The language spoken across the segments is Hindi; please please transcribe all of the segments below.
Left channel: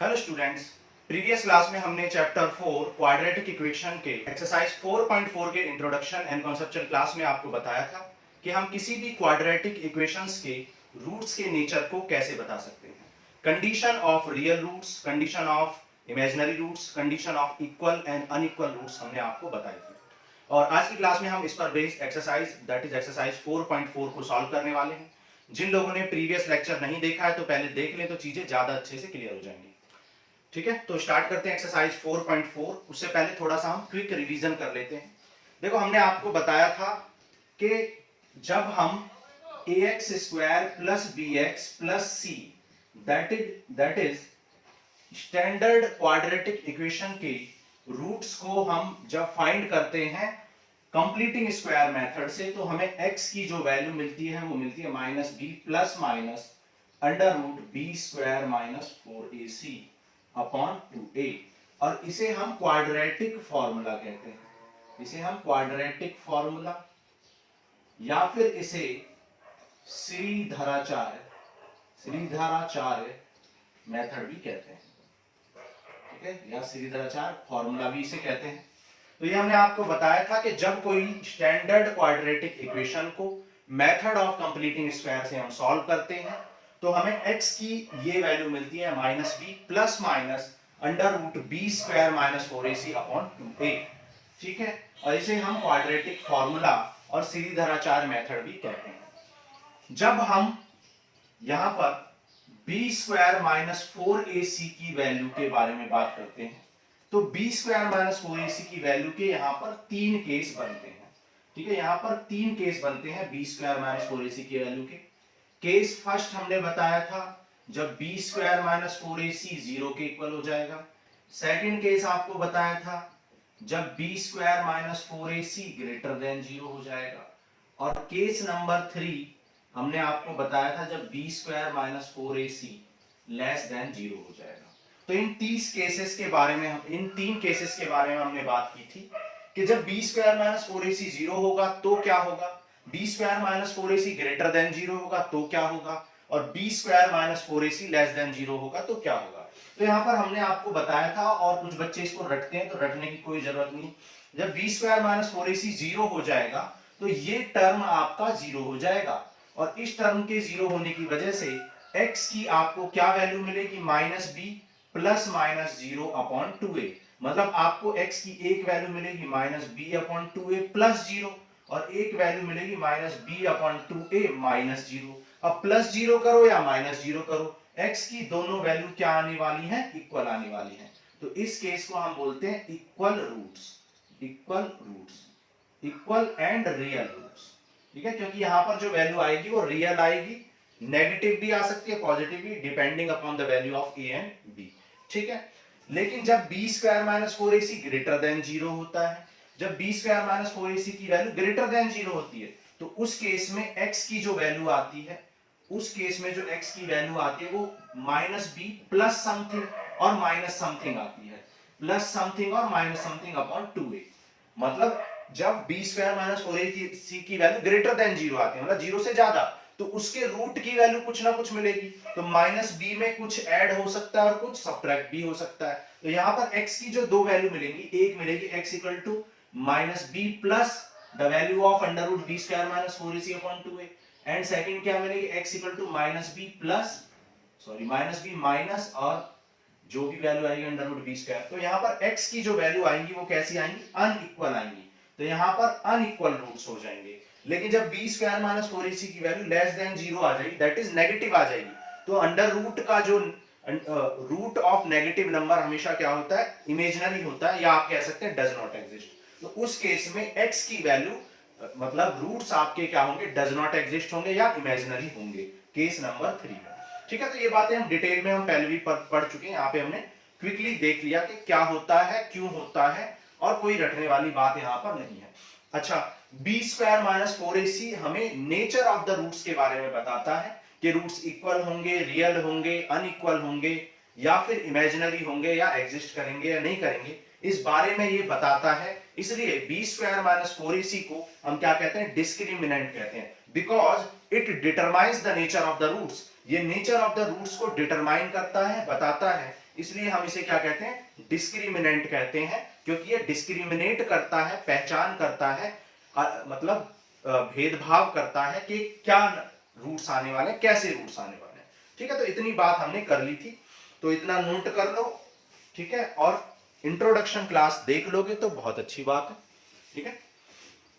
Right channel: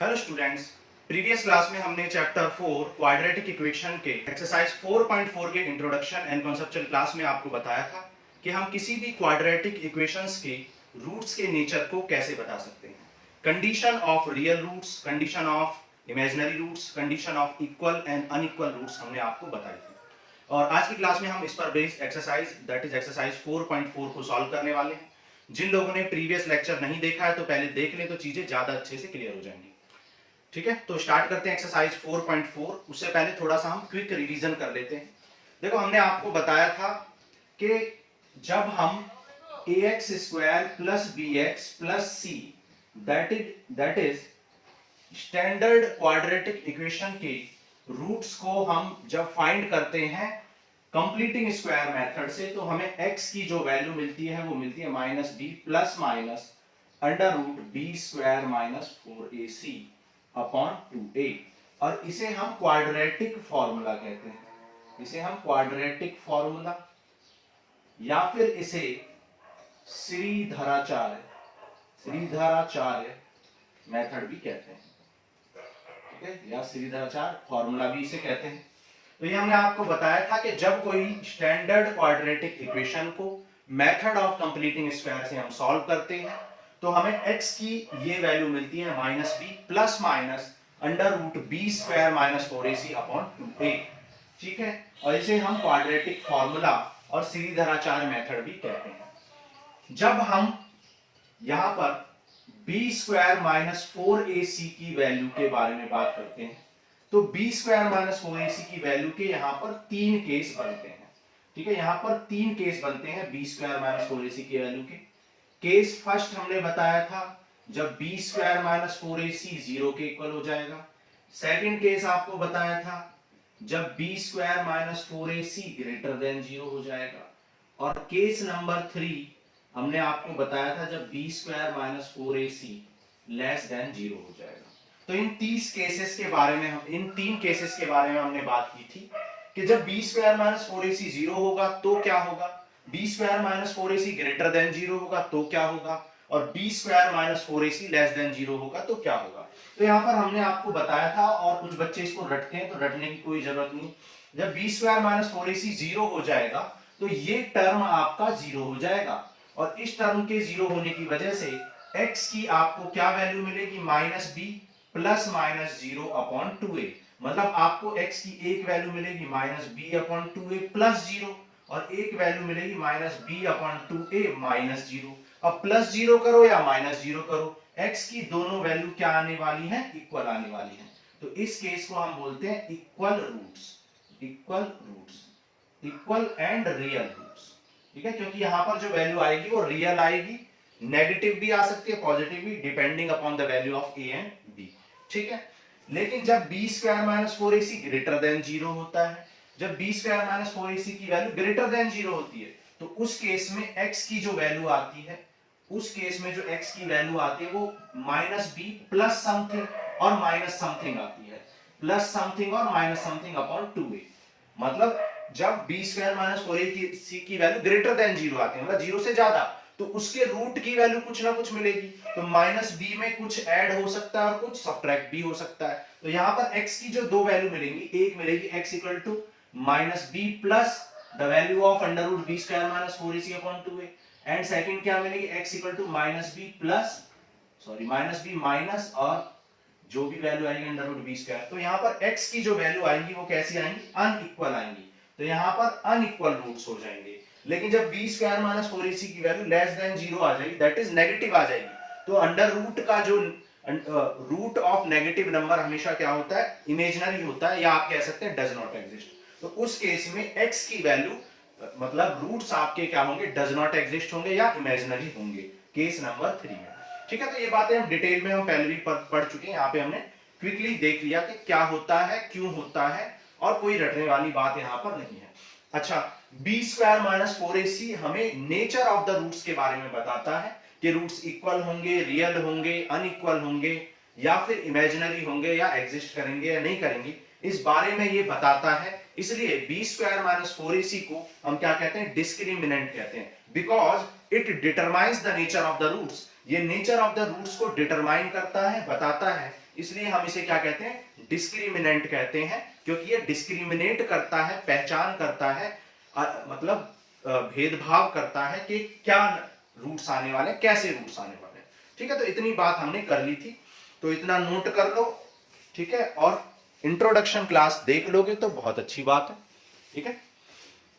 हेलो स्टूडेंट्स, प्रीवियस क्लास में हमने चैप्टर 4 क्वाड्रेटिक इक्वेशन के एक्सरसाइज 4.4 के इंट्रोडक्शन एंड कॉन्सेप्चुअल क्लास में आपको बताया था कि हम किसी भी क्वाड्रेटिक इक्वेशंस के रूट्स के नेचर को कैसे बता सकते हैं। Condition of real roots, condition of imaginary roots, condition of equal and unequal roots हमने आपको बताई थी। और आज की क्लास में हम इस पर based exercise that is exercise 4.4 को सॉल्व करने वाले हैं। जिन लोगों ने प्रीवियस लेक्चर नहीं देखा है तो पहले देख लें, तो चीजें ज्यादा अच्छे से क्लियर हो जाएंगी। ठीक है, तो स्टार्ट करते हैं एक्सरसाइज 4.4। उससे पहले थोड़ा सा हम क्विक रिवीजन कर लेते हैं। देखो, हमने आपको बताया था कि जब हम ax square plus b x plus c that is standard quadratic equation के रूट्स को हम जब फाइंड करते हैं कंप्लीटिंग स्क्वायर मेथड से, तो हमें x की जो वैल्यू मिलती है वो मिलती है minus b plus minus under root b square minus 4ac upon 2a। और इसे हम क्वाड्रेटिक फॉर्मूला कहते हैं, इसे हम क्वाड्रेटिक फॉर्मूला या फिर इसे श्रीधराचार्य मेथड भी कहते हैं। ठीक है, या श्रीधराचार्य फॉर्मूला भी इसे कहते हैं। तो ये हमने आपको बताया था कि जब कोई स्टैंडर्ड क्वाड्रेटिक इक्वेशन को मेथड ऑफ कंप्लीटिंग स्क्वायर से हम सॉल्व करते हैं तो हमें x की ये वैल्यू मिलती है minus b plus minus under root b square minus 4ac upon 2a। ठीक है, और इसे हम क्वाड्रेटिक फॉर्मूला और श्रीधराचार्य मेथड भी कहते हैं। जब हम यहां पर बी स्क्वायर माइनस 4ac की वैल्यू के बारे में बात करते हैं तो बी स्क्वायर माइनस 4ac की वैल्यू के यहां पर तीन केस बनते हैं। ठीक है, यहां पर तीन केस बनते हैं बी स्क्वायर माइनस 4ac की वैल्यू के। केस फर्स्ट हमने बताया था जब बी स्क्वायर माइनस 4ac 0 के इक्वल हो जाएगा। सेकंड केस आपको बताया था जब b square minus 4ac greater than 0 हो जाएगा। और केस नंबर 3 हमने आपको बताया था जब b square minus 4ac less than 0 हो जाएगा। तो इन 30 केसेस के बारे में इन तीन केसेस के बारे में हमने बात की थी कि जब बी स्क्वायर माइनस 4ac 0 होगा तो क्या होगा, b square minus 4ac greater than 0 होगा तो क्या होगा, और b square minus 4ac less than 0 होगा तो क्या होगा। तो यहाँ पर हमने आपको बताया था, और कुछ बच्चे इसको रटते हैं तो रटने की कोई जरूरत नहीं। जब बी स्क्वायर माइनस 4ac 0 हो जाएगा तो ये टर्म आपका 0 हो जाएगा, और इस टर्म के 0 होने की वजह से x की आपको क्या वैल्यू मिलेगी, minus b plus minus 0 upon 2a। मतलब आपको x की एक वैल्यू मिलेगी minus B upon 2a plus 0, और एक वैल्यू मिलेगी minus B upon 2a minus 0। अब प्लस 0 करो या माइनस 0 करो, x की दोनों वैल्यू क्या आने वाली है, इक्वल आने वाली है। तो इस केस को हम बोलते हैं equal roots, equal and real roots. ठीक है, क्योंकि यहां पर जो वैल्यू आएगी वो रियल आएगी, नेगेटिव भी आ सकती है, पॉजिटिव भी, depending upon the value of a and b। ठीक है, लेकिन जब b square minus 4ac greater than 0 होता है, जब बी स्क्वायर माइनस 4ac की वैल्यू ग्रेटर देन 0 होती है तो उस केस में x की जो वैल्यू आती है, उस केस में जो x की वैल्यू आती है वो माइनस बी प्लस समथिंग और माइनस समथिंग आती है, प्लस समथिंग और माइनस समथिंग अपॉन 2a। मतलब जब बी स्क्वायर माइनस 4ac की वैल्यू ग्रेटर देन 0 आती है, मतलब 0 से ज्यादा, तो उसके रूट की वैल्यू कुछ ना कुछ मिलेगी। तो माइनस बी में कुछ ऐड हो सकता है और कुछ सब्ट्रैक्ट भी हो सकता है। तो यहां पर x की जो दो वैल्यू मिलेंगी, एक मिलेगी x equal to minus b plus the value of under root b square minus 4ac upon 2a, and second क्या मिलेगी, x equal to minus b plus minus b minus और जो भी वैल्यू आएगी अंडर रूट बी स्क्वायर। तो यहाँ पर x की जो वैल्यू आएंगी वो कैसी आएंगी, अनइक्वल आएंगी। तो यहाँ पर अनइक्वल रूट्स हो जाएंगे। लेकिन जब बी स्क्वायर माइनस 4ac की वैल्यू लेस देन 0 आ जाएगी, दैट इज नेगेटिव आ जाएगी, तो अंडर रूट का जो रूट ऑफ नेगेटिव नंबर हमेशा क्या होता है, इमेजिनरी होता है, या आप कह सकते हैं डज नॉट एग्जिस्ट। तो उस केस में x की वैल्यू मतलब रूट्स आपके क्या होंगे, डज नॉट एग्जिस्ट होंगे या इमेजिनरी होंगे, केस नंबर 3 में। ठीक है, तो ये बातें हम डिटेल में हम पहले भी पढ़ चुके हैं, यहाँ पे हमने क्विकली देख लिया कि क्या होता है, क्यों होता है, और कोई रटने वाली बात यहाँ पर नहीं है। अच्छा, बी स्क्वायर माइनस 4ac हमें नेचर ऑफ द रूट्स के बारे में बताता है कि रूट्स इक्वल होंगे, रियल होंगे, अनइक्वल होंगे, या फिर इमेजिनरी होंगे, या एग्जिस्ट करेंगे या नहीं करेंगे, इस बारे में ये बताता है। इसलिए बी स्क्वायर माइनस 4ac को हम क्या कहते हैं, डिस्क्रिमिनेंट कहते हैं, because it determines the nature of the roots. ये नेचर ऑफ द रूट्स को डिटरमाइन करता है, बताता है इसलिए हम इसे क्या कहते हैं, डिस्क्रिमिनेंट कहते हैं, क्योंकि ये डिस्क्रिमिनेट करता है, पहचान करता है, मतलब भेदभाव करता है कि क्या रूट्स आने वाले हैं, कैसे रूट्स आने वाले हैं। ठीक है, तो इतनी बात हमने कर ली थी, तो इतना नोट कर लो। ठीक है, और इंट्रोडक्शन क्लास देख लोगे तो बहुत अच्छी बात है। ठीक है,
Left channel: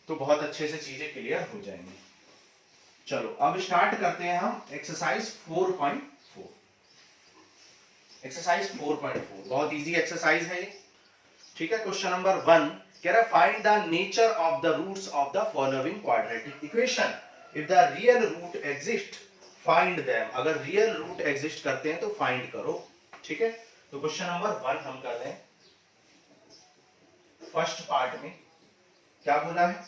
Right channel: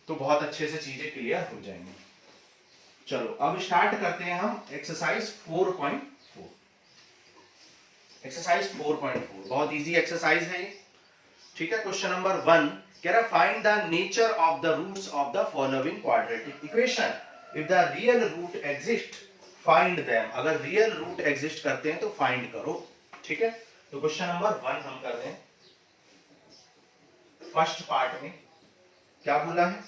तो बहुत अच्छे से चीजें क्लियर हो जाएंगी। चलो अब स्टार्ट करते हैं हम एक्सरसाइज 4.4। एक्सरसाइज 4.4 बहुत इजी एक्सरसाइज है ये। ठीक है, क्वेश्चन नंबर 1 कह रहा है find the nature of the roots of the following quadratic equation, if the real root exist find them. अगर रियल रूट एग्जिस्ट करते हैं तो फाइंड करो। ठीक है, तो क्वेश्चन नंबर 1 हम कर रहे हैं। फर्स्ट पार्ट में क्या बोला है,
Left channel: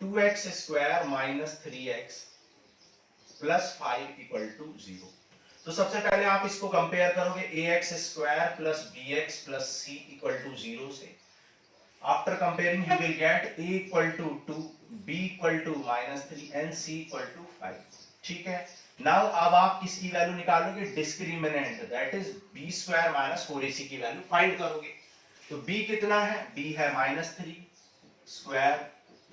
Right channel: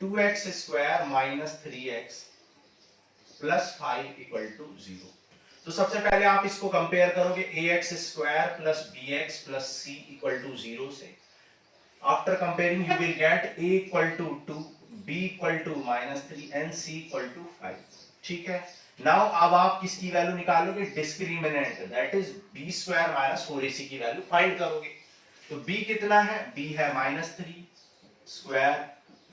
2x square minus 3x plus 5 equal to 0। तो सबसे पहले आप इसको कंपेयर करोगे ax square plus bx plus c equal to 0 से। After comparing you will get a equal to 2, b equal to minus 3 and c equal to 5। ठीक है, नाउ अब आप किसकी वैल्यू निकालोगे, discriminant, that is b square minus 4ac की वैल्यू फाइंड करोगे। तो b कितना है, b है माइनस 3 स्क्वायर,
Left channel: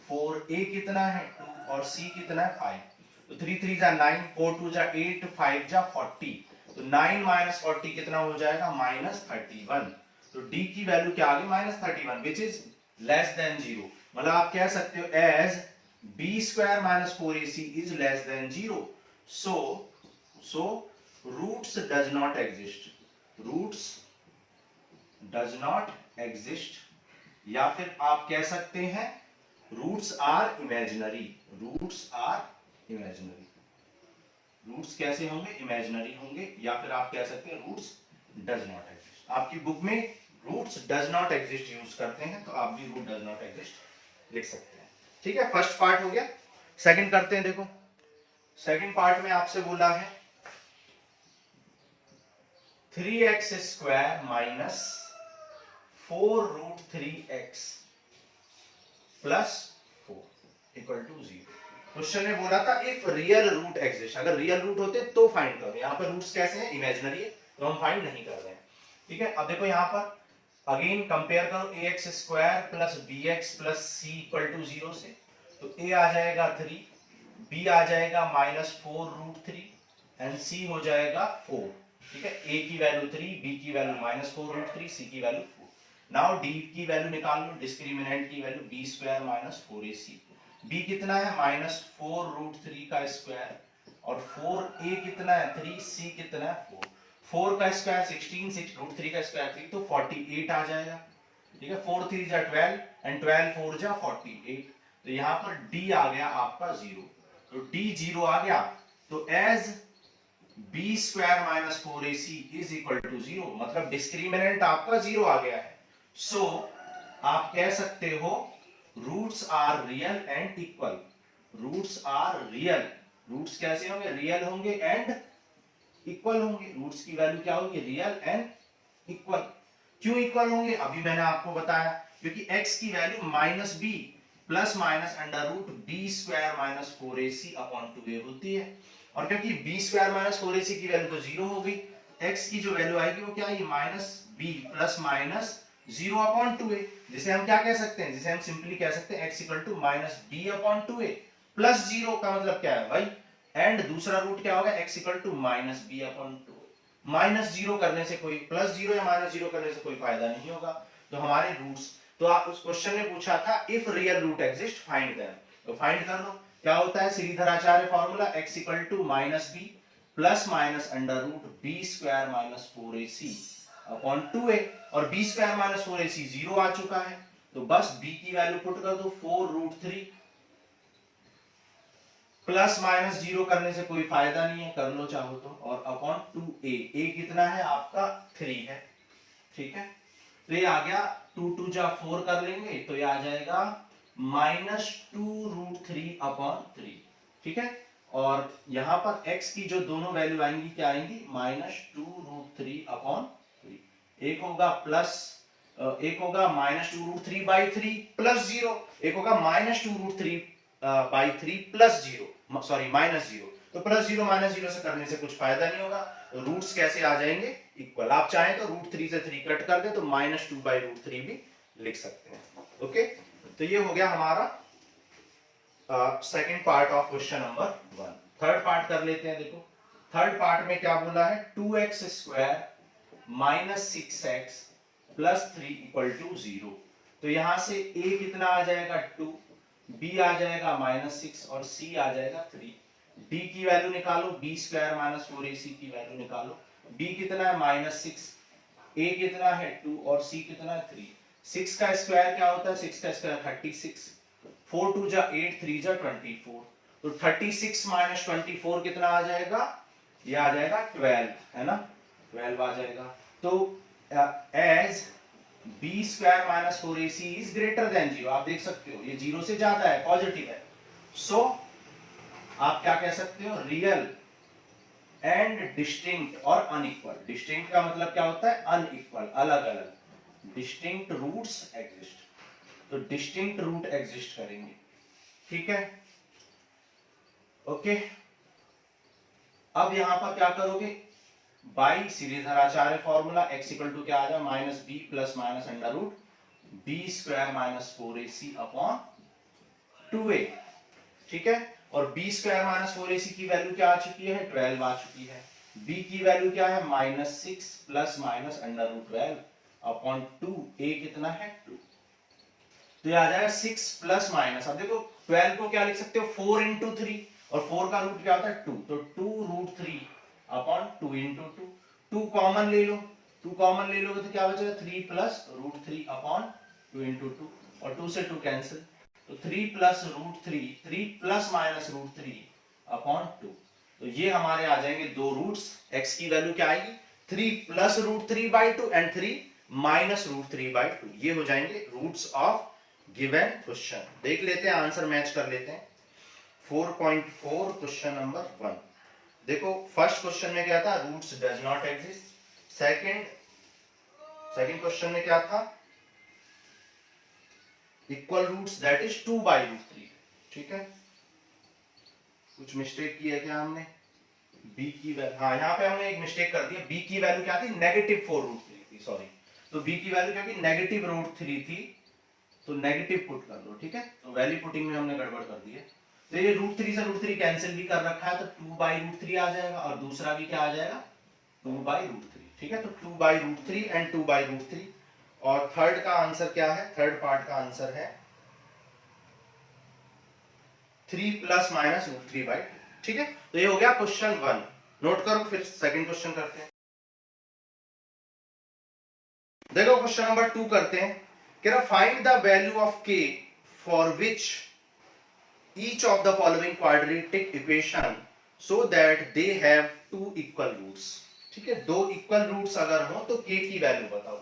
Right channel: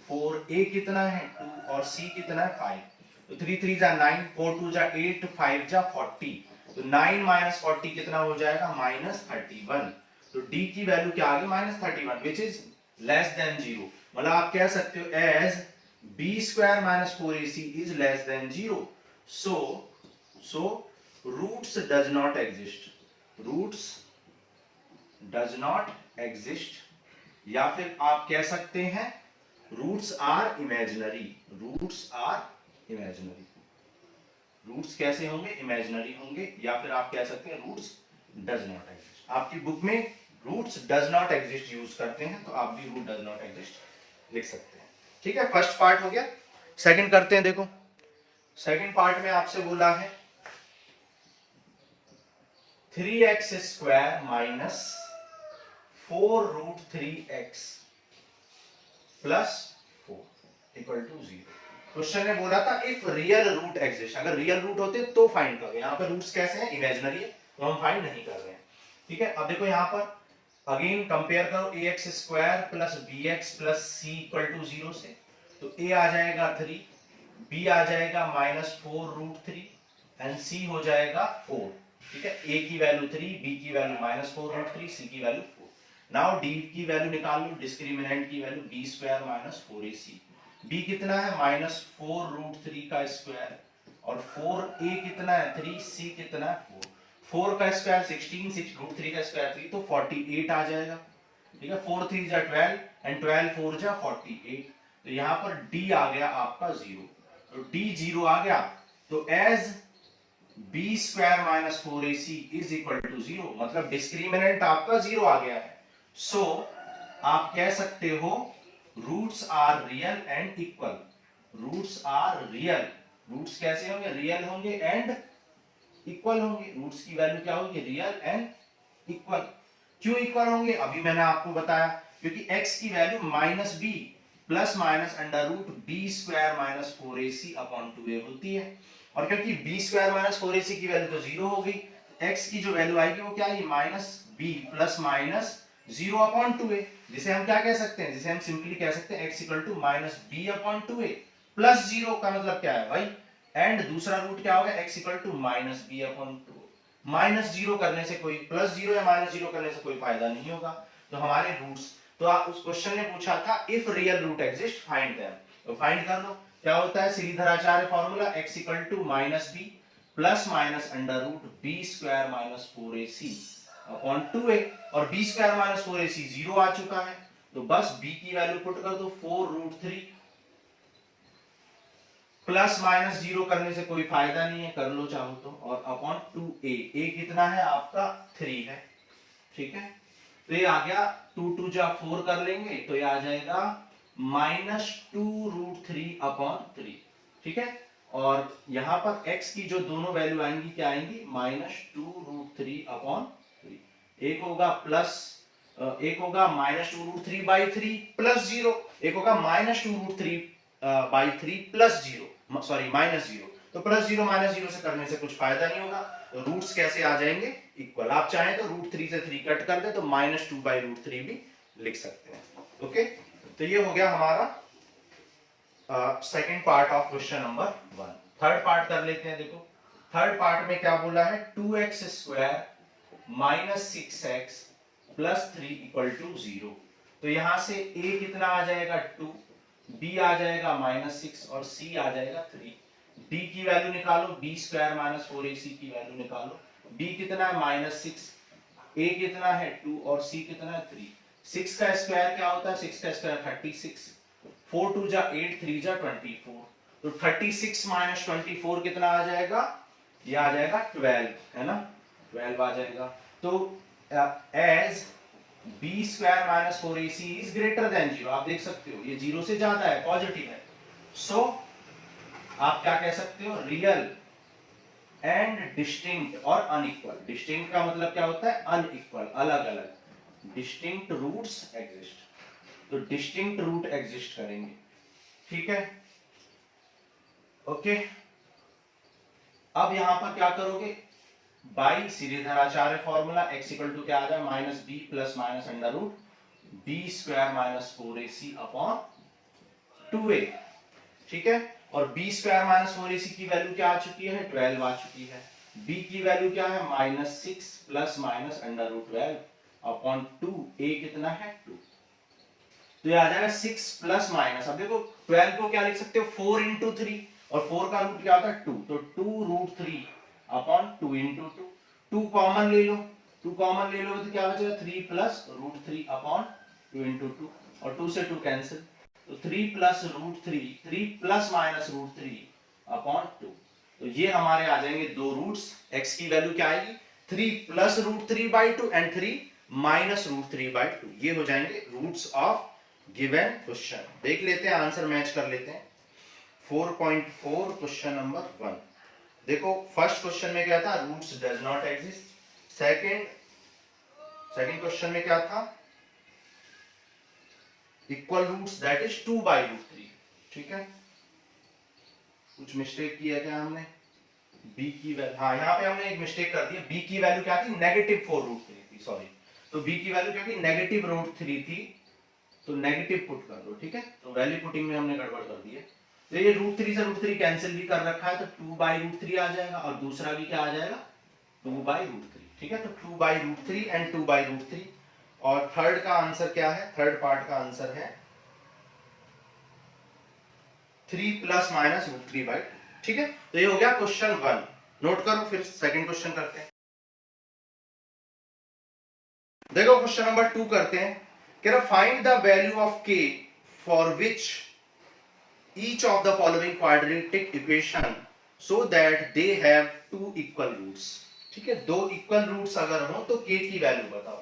4a कितना है 2 और c कितना है 5। तो 3 3 जा 9, 4 2 जा 8, 5 जा 40। तो 9 माइनस 40 कितना हो जाएगा, माइनस 31। तो d की वैल्यू क्या आ गई, minus 31, which is less than 0। मतलब आप कह सकते हो as b square minus 4ac is less than 0, so roots does not exist, roots does not exist, या फिर आप कह सकते हैं roots are imaginary, roots are imaginary. Roots कैसे होंगे, इमेजिनरी होंगे, या फिर आप कह सकते हैं रूट्स डज नॉट एग्जिस्ट। आपकी बुक में roots does not exist use करते हैं, तो आप भी रूट डज नॉट एग्जिस्ट लिख सकते हैं। ठीक है, फर्स्ट पार्ट हो गया। सेकंड करते हैं, देखो सेकंड पार्ट में आपसे बोला है 3x square minus 4 root 3x plus 4 equal to 0। Question ने बोला था इफ रियल रूट एग्जिस्ट, अगर रियल रूट होते तो फाइंड करो। यहाँ पर रूट्स कैसे हैं, इमेजिनरी है, तो हम फाइंड नहीं कर रहे हैं। ठीक है, अब देखो यहाँ पर अगेन कंपेयर करो ax square plus bx plus c equal to 0 से। तो a आ जाएगा 3, b आ जाएगा माइनस 4 रूट 3 एंड c हो जाएगा 4। ठीक है, a की वैल्यू 3, b की वैल्यू माइनस 4 रूट 3, c की वैल्यू 4। नाउ d की वैल्यू निकाल लो, डिस्क्रिमिनेंट की value b square minus 4ac, b कितना है माइनस 4 रूट 3 का स्क्वायर, और 4a कितना है 3, c कितना है 4। 4 का स्क्वायर 16, 6 रूट 3 का स्क्वायर 3, तो 48 आ जाएगा। ठीक है, 4 3 जा 12 एंड 12 4 जा 48। तो यहाँ पर d आ गया आपका 0, तो d 0 आ गया। तो as b square minus 4ac is equal to 0, मतलब डिस्क्रिमिनेंट आपका 0 आ गया है। सो आप कह सकते हो roots are real and equal, roots are real, roots कैसे होंगे, रियल होंगे एंड इक्वल होंगे। रूट्स की वैल्यू क्या होगी, रियल एंड इक्वल। क्यों इक्वल होंगे, अभी मैंने आपको बताया, क्योंकि x की value minus b plus minus under root b square minus 4ac upon 2a होती है, और क्योंकि b स्क्वायर माइनस 4ac की वैल्यू तो 0 हो गई, x की जो वैल्यू आएगी वो क्या है, minus b plus minus 0 upon 2a, जिसे हम क्या कह सकते हैं, जिसे हम सिंपली कह सकते हैं x equal to minus b upon 2a plus 0 का मतलब क्या है भाई, एंड दूसरा रूट क्या होगा, x equal to minus b upon 2। Minus 0 करने से कोई, प्लस 0 या माइनस 0 करने से कोई फायदा नहीं होगा। तो हमारे रूट्स, तो आप उस क्वेश्चन ने पूछा था if real root exist find them, तो फाइंड कर लो। क्या होता है Sridharacharya formula, x equal to minus b plus minus under root b square minus 4ac upon 2a, और b स्क्वायर माइनस 4ac 0 आ चुका है, तो बस b की वैल्यू पुट कर दो 4 रूट 3, प्लस माइनस 0 करने से कोई फायदा नहीं है, कर लो चाहो तो, और अपॉन 2a, a कितना है आपका 3 है। ठीक है, तो ये आ गया 2 2 जा 4 कर लेंगे, तो ये आ जाएगा माइनस 2 रूट 3 अपॉन 3। ठीक है, और यहां पर x की जो दोनों वैल्यू आएंगी क्या आएंगी, माइनस 2 रूट 3 अपॉन 3। एक होगा प्लस, एक होगा माइनस 2 रूट 3 बाई 3 प्लस 0, एक होगा minus 2 root 3 by 3 plus 0, sorry minus 0। तो प्लस 0 माइनस 0 से करने से कुछ फायदा नहीं होगा, तो रूट्स कैसे आ जाएंगे इक्वल। आप चाहें तो √3 से 3 कट कर दे तो -2/√3 भी लिख सकते हैं। ओके, तो ये हो गया हमारा second part of question number 1। Third part कर लेते हैं। देखो थर्ड पार्ट में क्या बोला है, 2x² - 6x + 3 = 0। तो यहां से a कितना आ जाएगा 2, b आ जाएगा -6 और c आ जाएगा 3। b की वैल्यू निकालो, b² - 4ac की वैल्यू निकालो। b कितना है -6, a कितना है 2 और c कितना है 3। 6 का स्क्वायर क्या होता है, 6 का स्क्वायर 36, 4 2 जा 8, 3 जा 24। तो 36 - 24 कितना आ जाएगा, ये आ जाएगा 12, है ना, 12 आ जाएगा। तो as b² - 4ac is greater than 0, आप देख सकते हो ये 0 से ज्यादा है, पॉजिटिव है। सो आप क्या कह सकते हो, रियल एंड डिस्टिंक्ट और अनइक्वल। डिस्टिंक्ट का मतलब क्या होता है, अनइक्वल, अलग अलग। डिस्टिंक्ट रूट्स एग्जिस्ट, तो डिस्टिंक्ट रूट एग्जिस्ट करेंगे, ठीक है। ओके, अब यहां पर क्या करोगे, बाई सीरीधराचार्य फॉर्मूला x = क्या आ जाए, -b + -√b² - 4ac upon 2a, ठीक है। और b² - 4ac की वैल्यू क्या आ चुकी है, 12 आ चुकी है। b की वैल्यू क्या है, -6 + -√12 अपॉन 2, a कितना है 2। तो ये आ जाएगा 6 प्लस माइनस, अब देखो 12 को क्या लिख सकते हो, 4 × 3, और 4 का रूट क्या होता है 2, तो 2√3 अपॉन 2 × 2। 2 कॉमन ले लो, 2 कॉमन ले लोगे तो क्या बचेगा, 3 + √3 अपॉन 2 × 2, और 2 से 2 कैंसिल, तो 3 + √3, 3 ± √3 अपॉन 2। तो ये हमारे आ जाएंगे दो रूट्स। x की वैल्यू क्या आएगी, 3 + √3/2 एंड 3 - √3/2, ये हो जाएंगे रूट्स ऑफ गिवन क्वेश्चन। देख लेते हैं, आंसर मैच कर लेते हैं। 4.4 क्वेश्चन नंबर 1। देखो फर्स्ट क्वेश्चन में क्या था, roots does not exist. Second question में क्या था, इक्वल रूट्स दैट इज 2/√3, ठीक है। कुछ मिस्टेक की है क्या हमने, b की वैल्यू, हाँ यहाँ पे हमने एक मिस्टेक कर दी है। b की वैल्यू क्या थी, -4√3 थी, सॉरी। तो b की वैल्यू क्या थी, -√3 थी, तो नेगेटिव पुट कर दो, ठीक है। तो वैल्यू पुटिंग में हमने गड़बड़ कर दी है। तो ये √3 से √3 कैंसिल भी कर रखा है, तो 2/√3 आ जाएगा, और दूसरा भी क्या आ जाएगा 2/√3, ठीक है। तो 2/√3 एंड 2/√3। और थर्ड का आंसर क्या है, थर्ड पार्ट का आंसर है 3 ± √3/2, ठीक है। तो ये हो गया क्वेश्चन 1, नोट करो। फिर सेकंड क्वेश्चन करते हैं। देखो क्वेश्चन नंबर 2 करते हैं। कह रहा find the value of k for which each of the following quadratic equation so that they have two equal roots, ठीक है। दो इक्वल रूट्स अगर हो तो k की वैल्यू बताओ।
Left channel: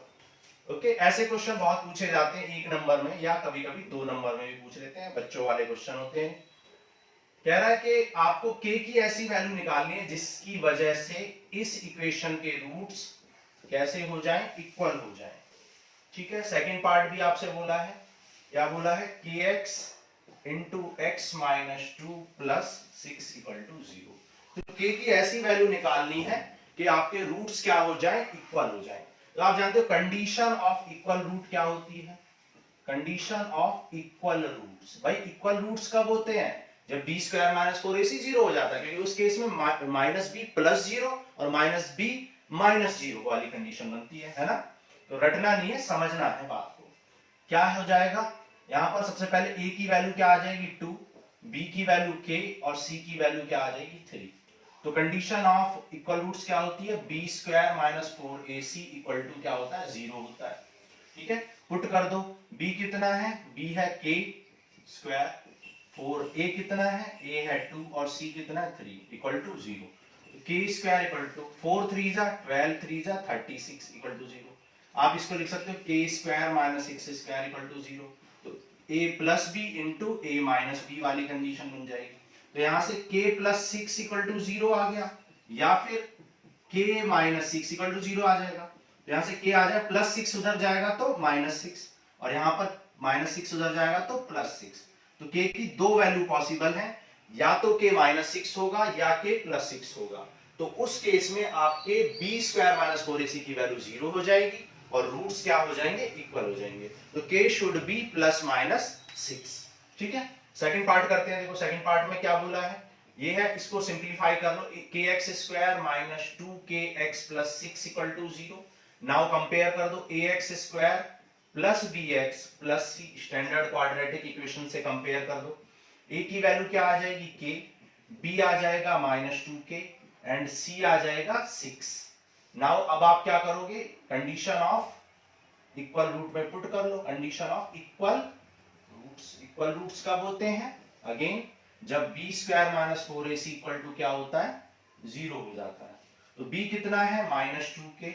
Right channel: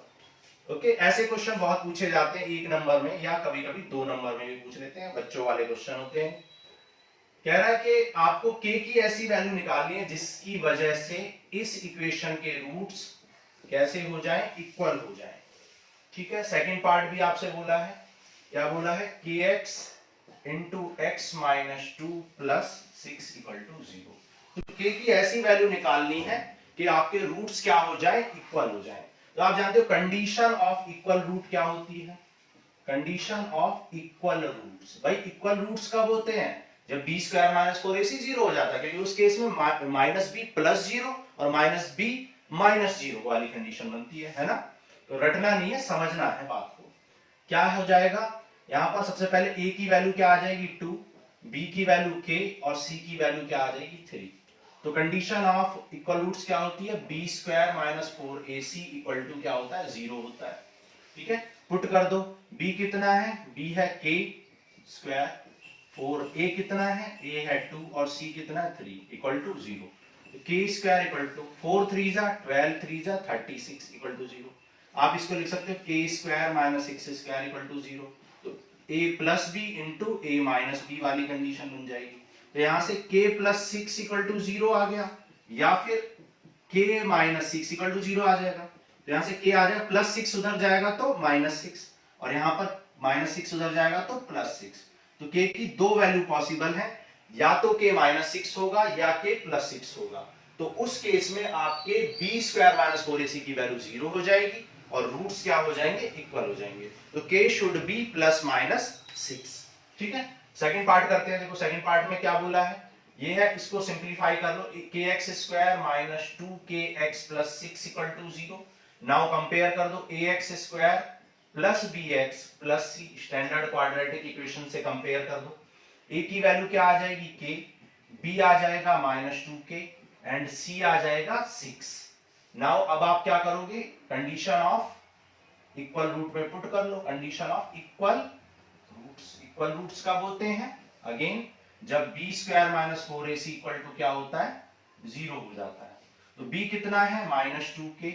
ओके, ऐसे क्वेश्चन बहुत पूछे जाते हैं 1 नंबर में, या कभी कभी 2 नंबर में भी पूछ लेते हैं, बच्चों वाले क्वेश्चन होते हैं। कह रहा है कि आपको k की ऐसी वैल्यू निकालनी है जिसकी वजह से इस इक्वेशन के रूट्स कैसे हो जाएं, इक्वल हो जाएं, ठीक है। सेकंड पार्ट भी आपसे बोला है, क्या बोला है, kx into x - 2 + 6 = 0। तो k की ऐसी वैल्यू निकालनी है कि आपके रूट्स क्या हो जाए, इक्वल हो जाए। तो आप जानते हो कंडीशन ऑफ इक्वल रूट क्या होती है, कंडीशन ऑफ इक्वल रूट्स। भाई इक्वल रूट्स कब होते हैं, जब b² - 4ac 0 हो जाता है, क्योंकि उस केस में -b + 0 और -b - 0 वाली कंडीशन बनती है ना। तो रटना नहीं है, समझना है बात को। क्या हो जाएगा, यहां पर सबसे पहले a की वैल्यू क्या आ जाएगी 2, b की वैल्यू k और c की वैल्यू क्या आ जाएगी 3। तो कंडीशन ऑफ इक्वल रूट्स क्या होती है, b² - 4ac = क्या होता है, 0 होता है, ठीक है। पुट कर दो, b कितना है, b है k², 4a कितना है, a है 2 और c कितना है 3 = 0। k² = 4 3 जा 12, 3 जा 36 = 0। आप इसको लिख सकते हो k² - 6² = 0। तो a + b * a - b वाली कंडीशन बन जाएगी। तो यहां से k + 6 = 0 आ गया, या फिर k - 6 = 0 आ जाएगा। तो यहां से k आ जाएगा, +6 उधर जाएगा तो -6, और यहां पर -6 उधर जाएगा तो +6। तो k की दो वैल्यू पॉसिबल है, या तो k -6 होगा या k +6 होगा। तो उस केस में आपके b स्क्वायर माइनस 4ac की वैल्यू 0 हो जाएगी और रूट्स क्या हो जाएंगे, इक्वल हो जाएंगे। तो k शुड बी +-6। ठीक है, सेकंड पार्ट करते हैं। देखो सेकंड पार्ट में क्या बोला है, ये है, इसको सिंप्लीफाई कर लो, kx square minus 2kx plus 6 equal to 0। Now compare कर दो, ax square plus bx plus c, standard quadratic equation से कंपेयर कर दो। a की वैल्यू क्या आ जाएगी k, b आ जाएगा -2k एंड c आ जाएगा 6। नाउ अब आप क्या करोगे, कंडीशन ऑफ इक्वल रूट में पुट कर लो। Condition of equal roots, equal roots कब होते हैं, अगेन जब b square minus 4ac equal to क्या होता है, 0 हो जाता है। तो b कितना है -2k,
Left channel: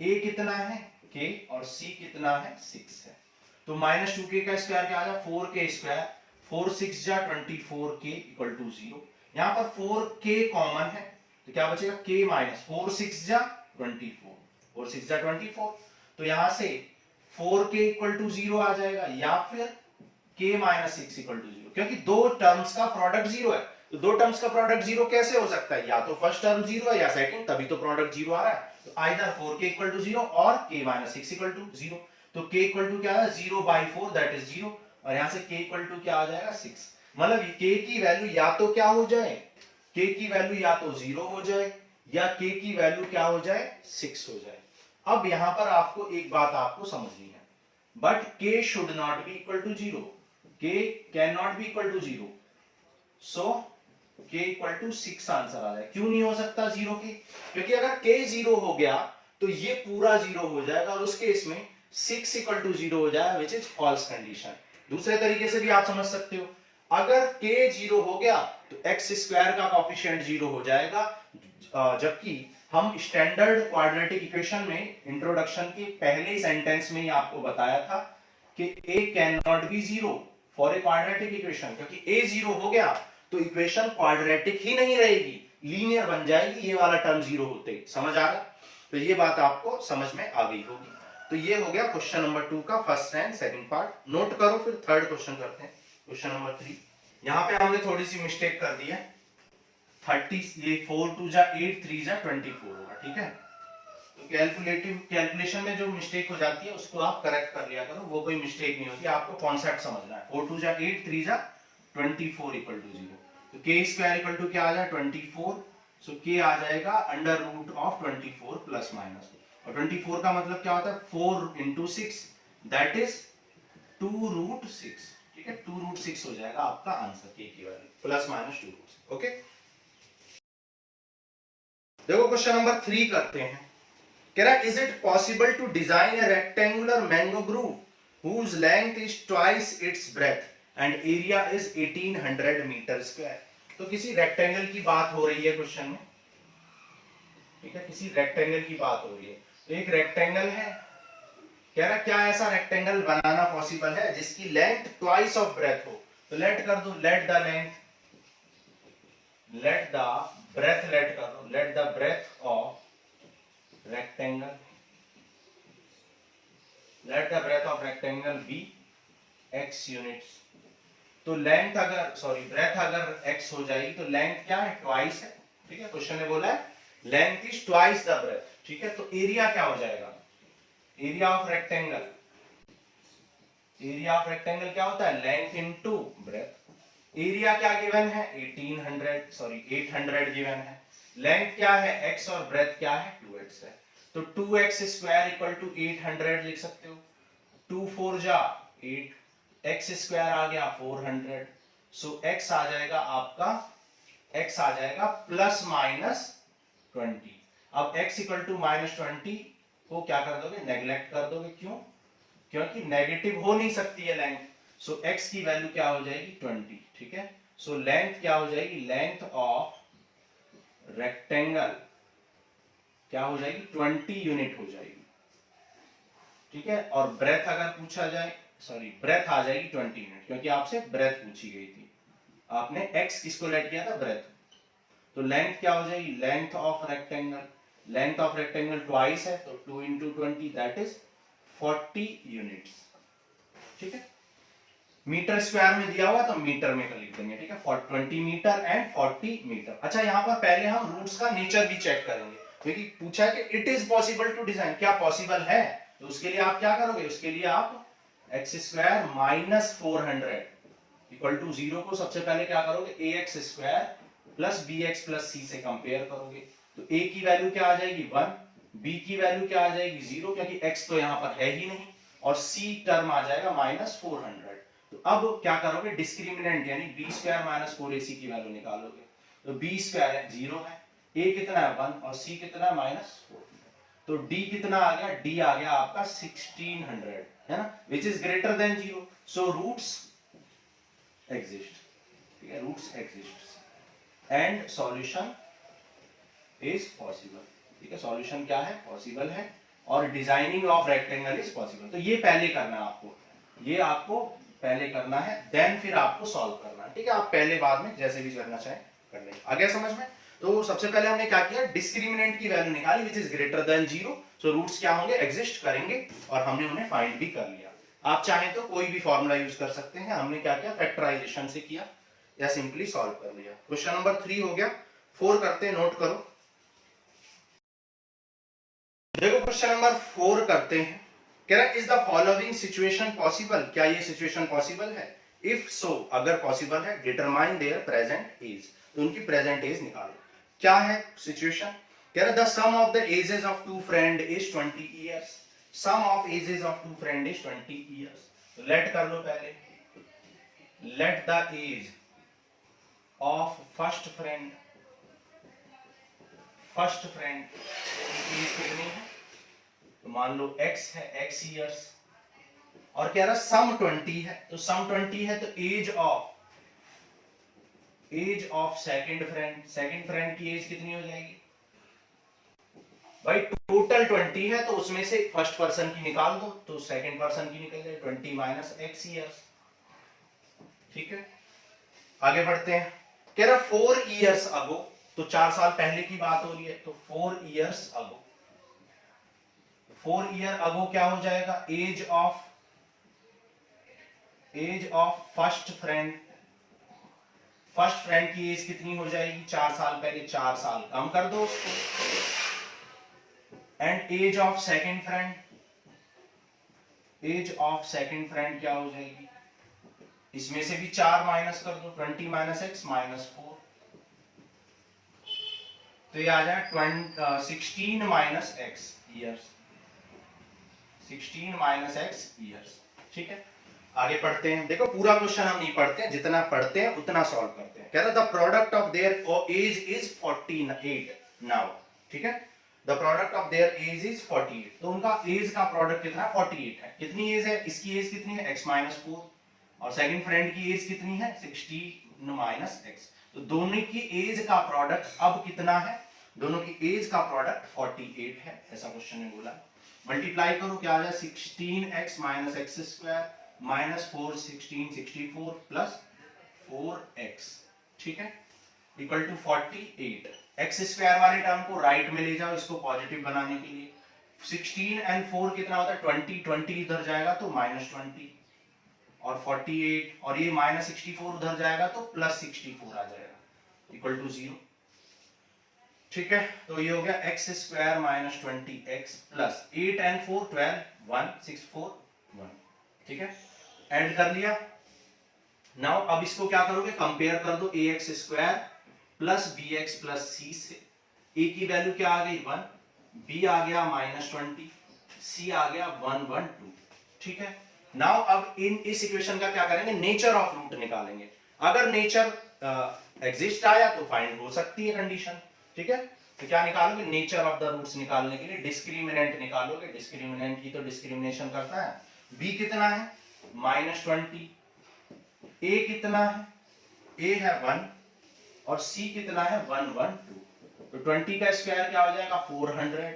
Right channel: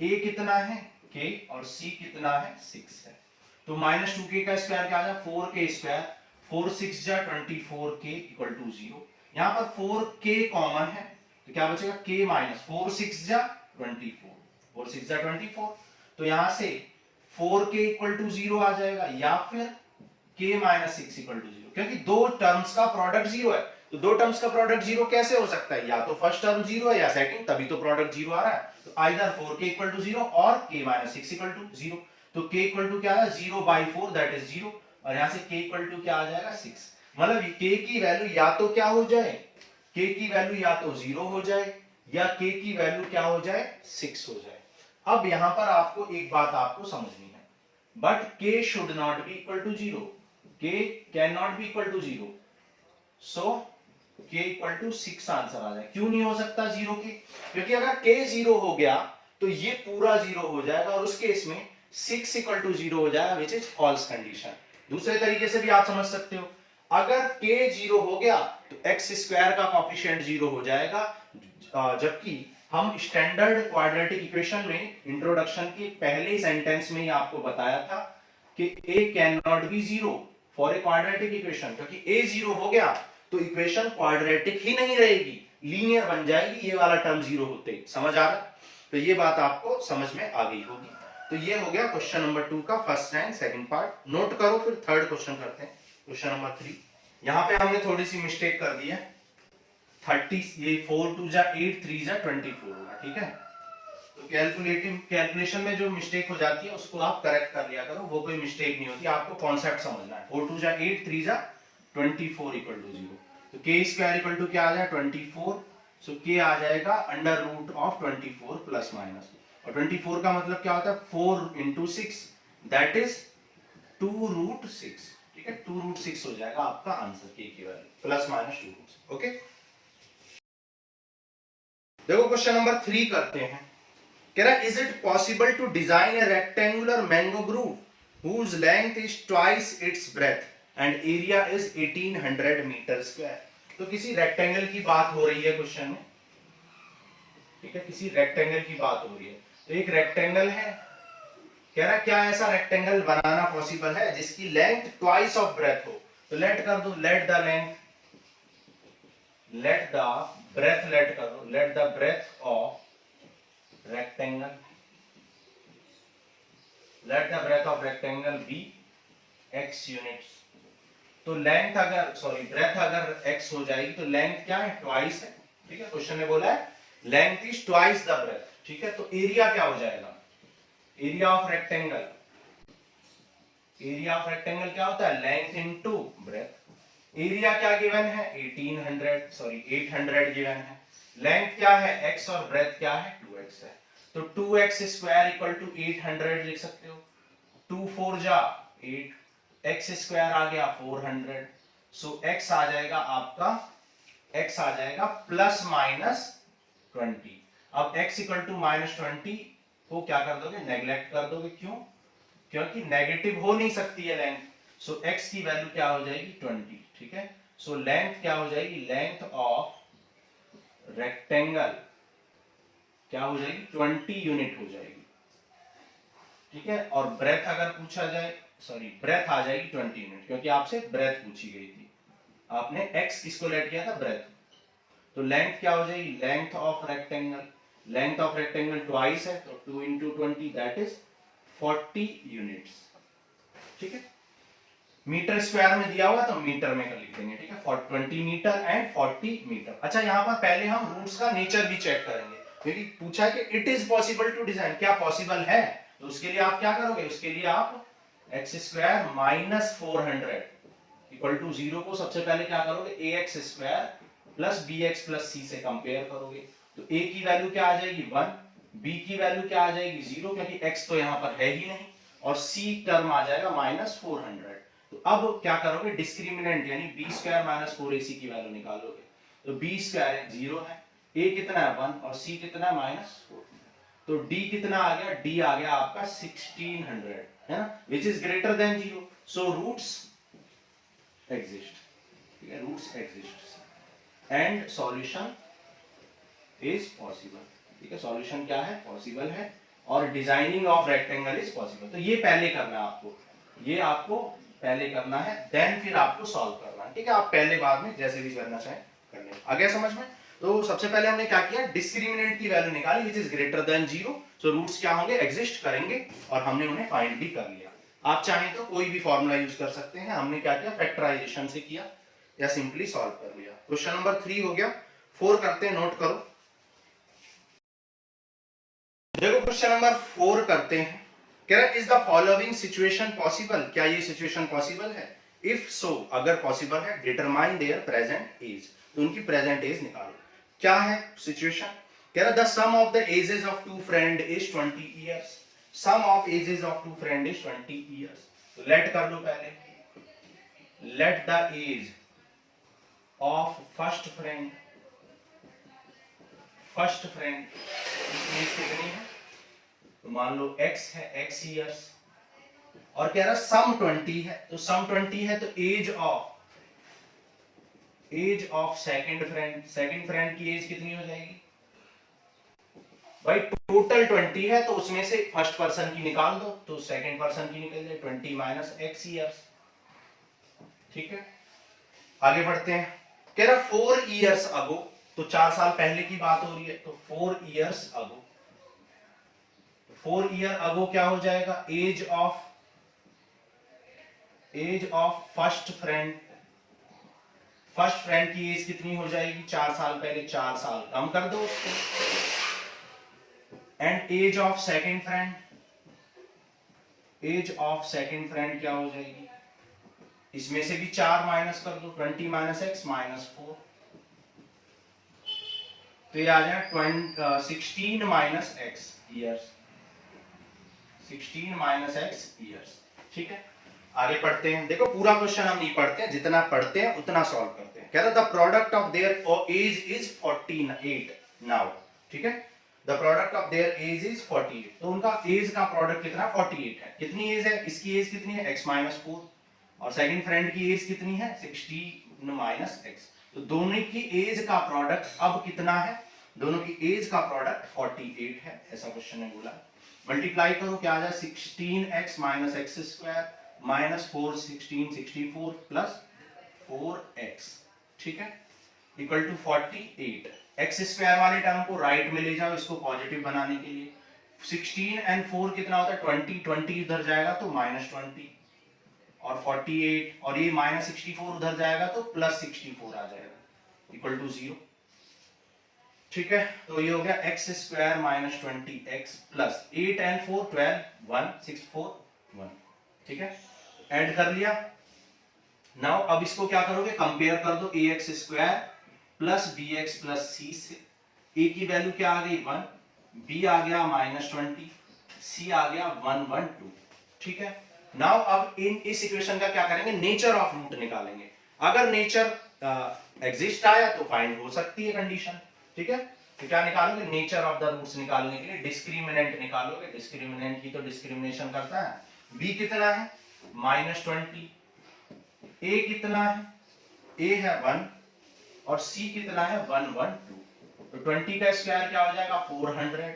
a कितना है k और c कितना है 6 है। तो -2k का स्क्वायर क्या आ जाएगा, 4k स्क्वायर, 4 6 जा 24k इक्वल टू 0। यहां पर 4k कॉमन है तो क्या बचेगा, k माइनस 4 6 जा 24, 4 6 जा 24। तो यहां से 4k इक्वल टू 0 आ जाएगा या फिर k माइनस 6 इक्वल टू 0, क्योंकि दो टर्म्स का प्रोडक्ट 0 है। तो दो टर्म्स का प्रोडक्ट 0 कैसे हो सकता है, या तो फर्स्ट टर्म 0 है या सेकंड, तभी तो प्रोडक्ट 0 आ रहा है। तो आइदर 4k इक्वल टू 0 और k माइनस 6 इक्वल टू 0। तो k इक्वल टू क्या है, 0/4 दैट इज 0, और यहां से k इक्वल टू क्या आ जाएगा 6। मतलब k की वैल्यू या तो क्या हो जाए, k की वैल्यू या तो 0 हो जाए या k की वैल्यू क्या हो जाए, 6 हो जाए। अब यहां पर आपको एक बात आपको समझनी है, but k should not be equal to 0, k can not be equal to 0, so k equal to 6 answer आ जाए। क्यों नहीं हो सकता 0 के, क्योंकि अगर k 0 हो गया तो ये पूरा 0 हो जाएगा और उस केस में 6 इक्वल टू 0 हो जाएगा, विच इज फॉल्स कंडीशन। दूसरे तरीके से भी आप समझ सकते हो, अगर k 0 हो गया तो x स्क्वायर का कॉफिशिएंट 0 हो जाएगा, जबकि हम स्टैंडर्ड क्वाड्रेटिक इक्वेशन में इंट्रोडक्शन के पहले सेंटेंस में ही आपको बताया था कि a can not B 0 for a quadratic equation, क्योंकि a 0 हो गया तो इक्वेशन क्वाड्रेटिक ही नहीं रहेगी, लीनियर बन जाएगी, ये वाला टर्म 0 होते ही। समझ आ रहा, तो ये बात आपको समझ में आ गई होगी। तो ये हो गया क्वेश्चन नंबर 2 का first and second part. Note करो, फिर थर्ड क्वेश्चन करते हैं, क्वेश्चन नंबर 3। यहां पे हमने थोड़ी सी मिस्टेक कर दी है, 30 ये 4 2 जा 8 3 जा 24 होगा, ठीक है। तो कैलकुलेशन में जो मिस्टेक हो जाती है उसको आप करेक्ट कर लिया करो, वो कोई मिस्टेक नहीं होती, आपको कॉन्सेप्ट समझना है। 4 2 जा 8 3 जा 24 इक्वल टू 0। तो k स्क्वायर इक्वल टू क्या आ जाए 24, सो k आ जाएगा under root of 24 plus minus, और 24 का मतलब क्या होता है 4 इंटू 6 दैट इज 2√6, ठीक है, 2√6 हो जाएगा आपका आंसर k की वैल्यू, प्लस माइनस 2√6। ओके, देखो क्वेश्चन नंबर 3 करते हैं। कह रहा है is it possible to design a rectangular mango grove whose length is twice its breadth and area is 1800 metre square. तो किसी रेक्टेंगल की बात हो रही है क्वेश्चन में, ठीक है, किसी रेक्टेंगल की बात हो रही है। तो एक रेक्टेंगल है, कह रहा क्या ऐसा रेक्टेंगल बनाना पॉसिबल है जिसकी लेंथ ट्वाइस ऑफ ब्रेथ हो। तो लेट कर दो, let the length, let the breadth, let कर दो, let the breadth of rectangle, let the breadth of rectangle be x units। तो लेंथ अगर सॉरी ब्रेथ अगर x हो जाएगी तो लेंथ क्या है, ट्वाइस है, ठीक है। क्वेश्चन ने बोला है length is twice the breadth, ठीक है। तो एरिया क्या हो जाएगा, area of rectangle, area of rectangle क्या होता है, लेंथ इनटू ब्रेथ। एरिया क्या गिवन है 800 गिवन है, लेंथ क्या है x और ब्रेथ क्या है 2x है। तो 2x स्क्वायर इक्वल टू 800 लिख सकते हो, 2 4 जा 8, x स्क्वायर आ गया 400, सो x आ जाएगा आपका, x आ जाएगा प्लस माइनस 20। अब x इक्वल टू -20 को क्या कर दोगे, नेग्लेक्ट कर दोगे, क्यों, क्योंकि नेगेटिव हो नहीं सकती है लेंथ, सो x की वैल्यू क्या हो जाएगी 20, ठीक है। सो लेंथ क्या हो जाएगी, लेंथ ऑफ रेक्टेंगल क्या हो जाएगी 20 यूनिट हो जाएगी, ठीक है। और ब्रेथ अगर पूछा जाए, सॉरी ब्रेथ आ जाएगी 20 यूनिट, क्योंकि आपसे ब्रेथ पूछी गई थी, आपने x किसको लेट किया था, ब्रेथ। तो लेंथ क्या हो जाएगी, length of rectangle, length of rectangle twice है तो 2 × 20 दैट इज 40 यूनिट्स, ठीक है। मीटर स्क्वायर में दिया हुआ तो मीटर में लिख देंगे, ठीक है, 20 मीटर एंड 40 मीटर। अच्छा यहाँ पर पहले हम रूट्स का नेचर भी चेक करेंगे, क्योंकि पूछा है कि it is possible to design, क्या पॉसिबल है, तो उसके लिए आप क्या करोगे, उसके लिए आप x square minus 400 equal to 0 को सबसे पहले क्या करोगे, a x square plus b x plus c से कंपेयर करोगे, तो ए की वैल्यू क्या आ जाएगी 1, बी की वैल्यू क्या आ जाएगी 0, क्योंकि एक्स तो यहाँ पर है ही नहीं, और सी टर्म आ जाएगा माइनस 400। तो अब क्या करोगे, डिस्क्रिमिनेंट यानी बी स्क्वायर माइनस 4ac की वैल्यू निकालोगे, तो बी स्क्वायर है 0 है, ए कितना है 1 और सी कितना है माइनस 4, तो डी कितना आ गया, डी आ गया आपका 1600, है ना, which is greater than 0, so roots exist, ठीक है, roots exist and solution is possible, ठीक है, सॉल्यूशन क्या है, पॉसिबल है, और designing of rectangle is possible. तो ये पहले करना है आपको, ये आपको पहले करना है, देन फिर आपको सॉल्व करना है, ठीक है, आप पहले बाद में जैसे भी करना चाहें कर लेंगे। आ गया समझ में? तो सबसे पहले हमने क्या किया, डिस्क्रिमिनेंट की वैल्यू निकाली which is greater than 0, so roots क्या होंगे, एग्जिस्ट करेंगे, और हमने उन्हें फाइंड भी कर लिया। आप चाहें तो कोई भी फॉर्मूला यूज कर सकते हैं, हमने क्या किया, फैक्टराइजेशन से किया या सिंपली सॉल्व कर लिया। क्वेश्चन नंबर 3 हो गया, 4 करते हैं, नोट करो। देखो क्वेश्चन नंबर 4 करते हैं, कह रहा है is the following situation possible, क्या ये सिचुएशन पॉसिबल है, इफ सो अगर पॉसिबल है डिटरमाइन देयर प्रेजेंट एज, तो उनकी प्रेजेंट एज निकालो। क्या है सिचुएशन, कह रहा the sum of the ages of two friend is 20 years, sum of ages of two friend is 20 years, तो लेट कर लो पहले, let the age of first friend की एज कितनी है, तो मान लो x है, x इयर्स, और कह रहा सम 20 है, तो सम 20 है तो एज ऑफ सेकंड फ्रेंड की एज कितनी हो जाएगी भाई, टोटल 20 है तो उसमें से फर्स्ट पर्सन की निकाल दो, तो सेकंड पर्सन की निकल जाए 20 माइनस x इयर्स, ठीक है। आगे बढ़ते हैं, कह रहा 4 इयर्स अगो, तो 4 साल पहले की बात हो रही है, तो 4 इयर्स अगो, 4 ईयर अगो क्या हो जाएगा, एज ऑफ फर्स्ट फ्रेंड की एज कितनी हो जाएगी, 4 साल पहले, 4 साल कम कर दो उसको, and age of second friend क्या हो जाएगी, इसमें से भी 4 माइनस कर दो, 20 माइनस एक्स माइनस 4, तो ये आ जाए 16 minus x years, 16 minus x years, ठीक है। आगे पढ़ते हैं, देखो पूरा क्वेश्चन हम नहीं पढ़ते हैं, जितना पढ़ते हैं उतना सॉल्व करते हैं। कह रहा the product of their age is 48 now, ठीक है, the product of their age is 48, तो उनका एज का प्रोडक्ट कितना 48 है, कितनी एज है, इसकी एज कितनी है x माइनस 4, और सेकंड फ्रेंड की एज कितनी है 16 माइनस x, तो दोनों की एज का प्रोडक्ट अब कितना है, दोनों की एज का प्रोडक्ट 48 है, ऐसा क्वेश्चन ने बोला। मल्टीप्लाई करो, क्या आ जाए 16x minus x square minus 4 16 64 plus 4x, ठीक है, इक्वल टू 48। एक्स स्क्वायर वाले टर्म को राइट में ले जाओ, इसको पॉजिटिव बनाने के लिए, 16 एंड 4 कितना होता है 20, 20 इधर जाएगा तो माइनस 20, और 48, और ये माइनस 64 उधर जाएगा तो प्लस 64 आ जाएगा, इक्वल टू 0, ठीक है। तो ये हो गया x square minus 20x plus 8 and 4 12 1 6 4 1, ठीक है, ऐड कर लिया। नाउ अब इसको क्या करोगे, कंपेयर कर दो, a x square plus b x plus c से, ए की वैल्यू क्या आ गई 1, बी आ गया माइनस 20, सी आ गया 112, ठीक है। नाउ अब इस इक्वेशन का क्या करेंगे, नेचर ऑफ रूट निकालेंगे, अगर नेचर एग्जिस्ट आया तो फाइंड हो सकती है कंडीशन, ठीक है। तो क्या निकालोगे, नेचर ऑफ द रूट्स निकालने के लिए डिस्क्रिमिनेंट निकालोगे, डिस्क्रिमिनेंट की तो डिस्क्रिमिनेशन करता है, b कितना है माइनस 20, a कितना है, a है 1 और c कितना है 112, तो 20 का स्क्वायर क्या हो जाएगा 400,